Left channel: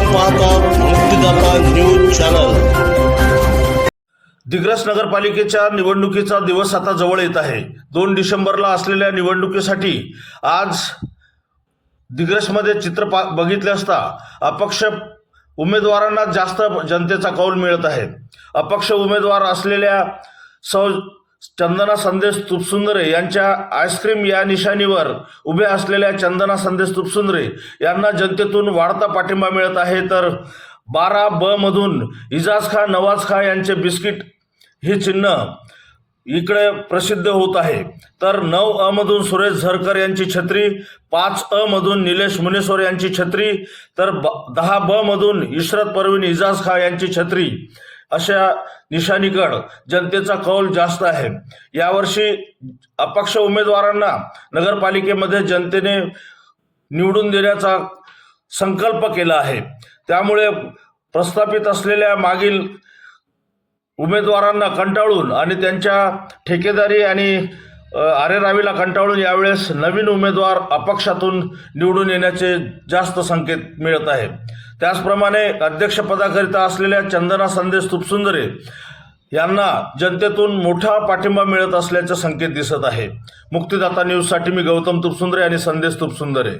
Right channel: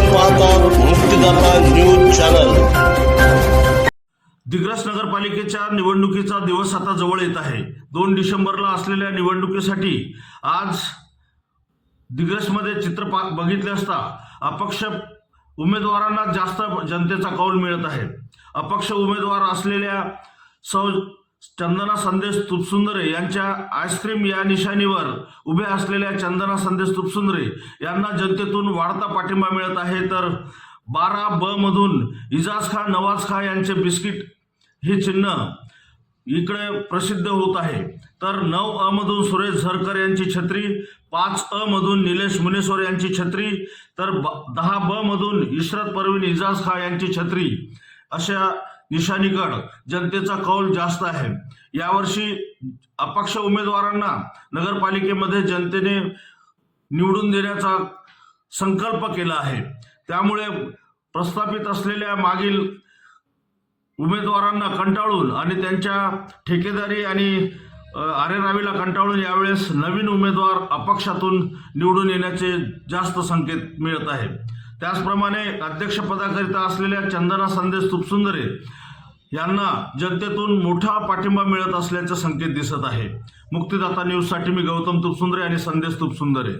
आपण पाहतात मुक्तिदाता न्यूज चॅनल। दिग्रस नगरपालिकेच्या निवडणुकीचा दिवस आता जवळ येत आहे। 2 डिसेंबरला असलेल्या निवडणुकीसाठी आज दिग्रसमध्ये चित्र बघितले असता अपक्ष उमेदवारांना जास्त जनतेचा कौल मिळत आहे। अपक्ष उमेदवार असलेल्या सौ चंदना संदेश तुपसुंदरे यांच्या आईस्क्रीम या निशाणीवर उभे असलेल्या चंदना संदेश तुपसुंदरे यांना जनतेतून वाढता पाठिंबा मिळत आहे। तर 12B मधून इजाज खा नवाज खा यांचे बिस्किट हे चिन्ह इकडे प्रसिद्ध होत आहे। तर 9A मधून सुरेश झरकर यांची छत्री, 5A मधून निलेश मुनेश्वर यांची छत्री, तर 10B मधून इशरत परवीन इजाज खा यांची छत्री अशा निशाणीकडे जनतेचा कौल जास्त आहे। यावर्षी अपक्ष उमेदवारांना नगरपालिकेमध्ये जनतेने निवडून देण्याचा संकल्प केला आहे। त्यामुळे प्रस्थापित असलेल्या मागील उमेदवारांना कंटाळून आणि त्यांच्या ठेकेदारी आणि आरेरावीला कंटाळून यावेळेस नवीन उमेदवार अपक्षातून निवडून येण्याचे जास्त संकेत मिळत आहे। त्याचप्रमाणे अध्यक्षपदाकरिता असलेल्या चंदना संदेश तुपसुंदरे यांना जनतेतून मोठा पाठिंबा मिळत असल्याचे संकेत दिसत आहे। मुक्तिदाता न्यूजसाठी मी गौतम तुपसुंदरे आणि संदेश तुपसुंदरे।